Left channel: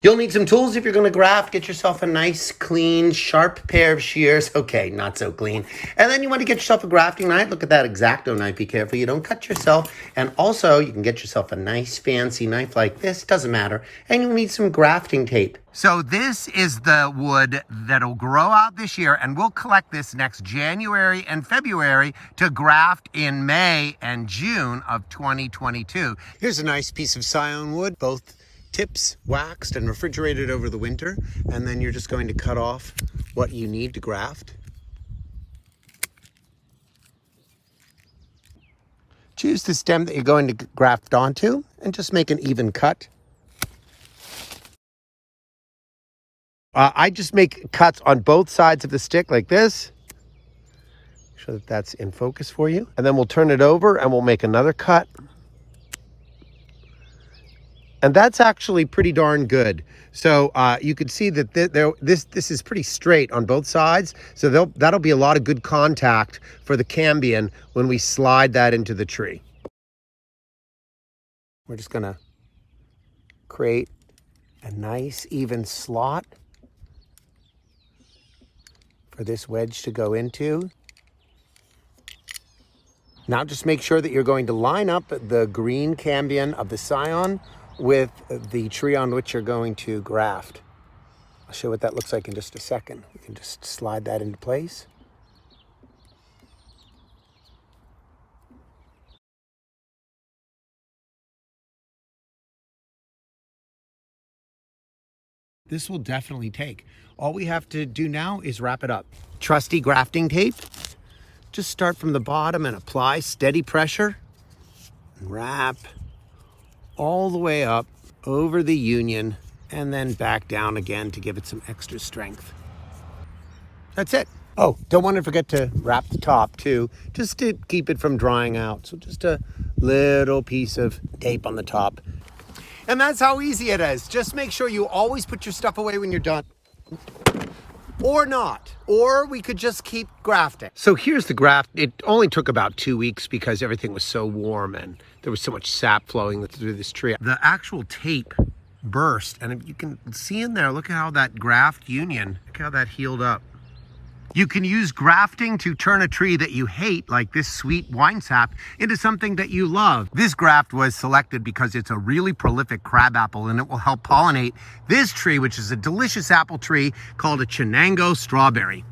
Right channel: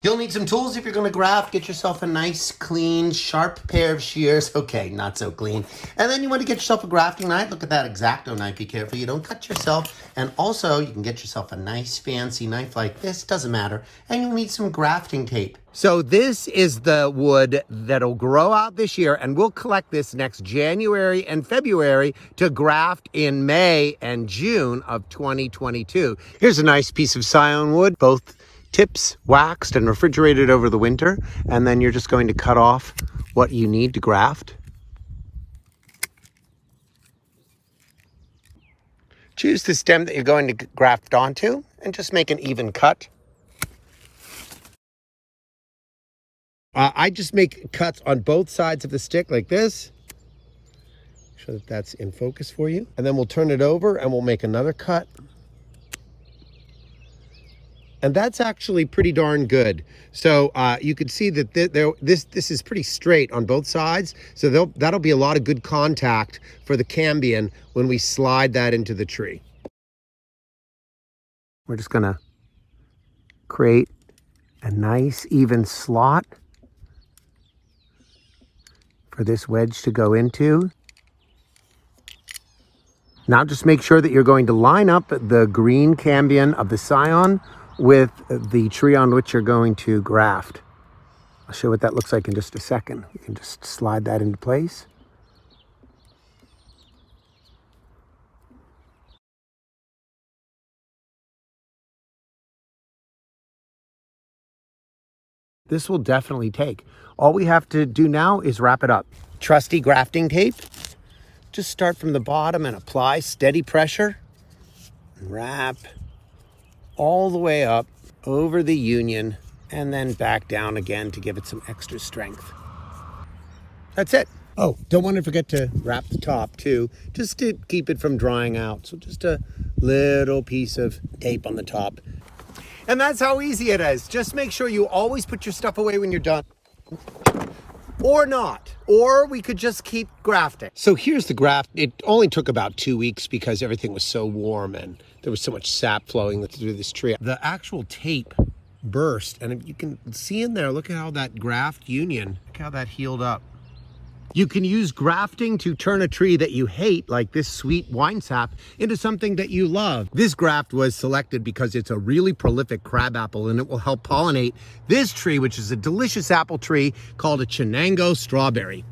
You'll need some tools if you're going to graft. Get yourself a nice, clean, sharp pair of shears. Okay, not so clean. And then you want to get yourself a grafting knife. Look at that X-Acto knife. Be careful you don't cut yourself. And also, you can get yourself a nice, fancy knife like this. Doesn't matter. And you'll need some grafting tape. So this is the wood that'll grow out this year, and we'll collect this next January and February to graft in May and June of 2022. Here's a nice piece of scion wood, both tips waxed and refrigerated over the winter, and then you're just going to cut off what you need to graft. Choose the stem that you're going to graft onto and just make an even cut. I just make cuts on both sides of the stick like this. Make sure that that's in focus for you. And then we'll turn it over and we'll make another cut. And that's actually pretty darn good. So you can see that this is pretty straight on both sides. So that'll be a lot of good contact for the cambion when we slide that into the tree. We're just gonna create a nice even slot for this wedge to go into. Now just make sure that you're going to line up the green cambion of the scion with the tree on which you're going to graft. I'll show what that looks like in just a second. You can just slide that into place. This will definitely take. All we have to do now is wrap it up. Trusty grafting tape. Just start from the bottom and apply steady pressure. And wrap all the way up over the union and then back down again to give it some extra strength. That's it. Oh, don't want to forget to wrap the top too, just to keep it from drying out. So just a little piece of tape on the top. And that's how easy it is. Just make sure you always put your stuff away when you're done. Or not. Or we could just keep grafting. So here's the graft. It only took about 2 weeks because everything was so warm and there was so much sap flowing through this tree. The actual tape burst, and you can see in there, look at how that graft union, look how that healed up. You can use grafting to turn a tree that you hate, like this sweet wine sap, into something that you love. This graft was selected because it's a really prolific crabapple and it will help pollinate this tree, which is a delicious apple tree called a Chenango strawberry.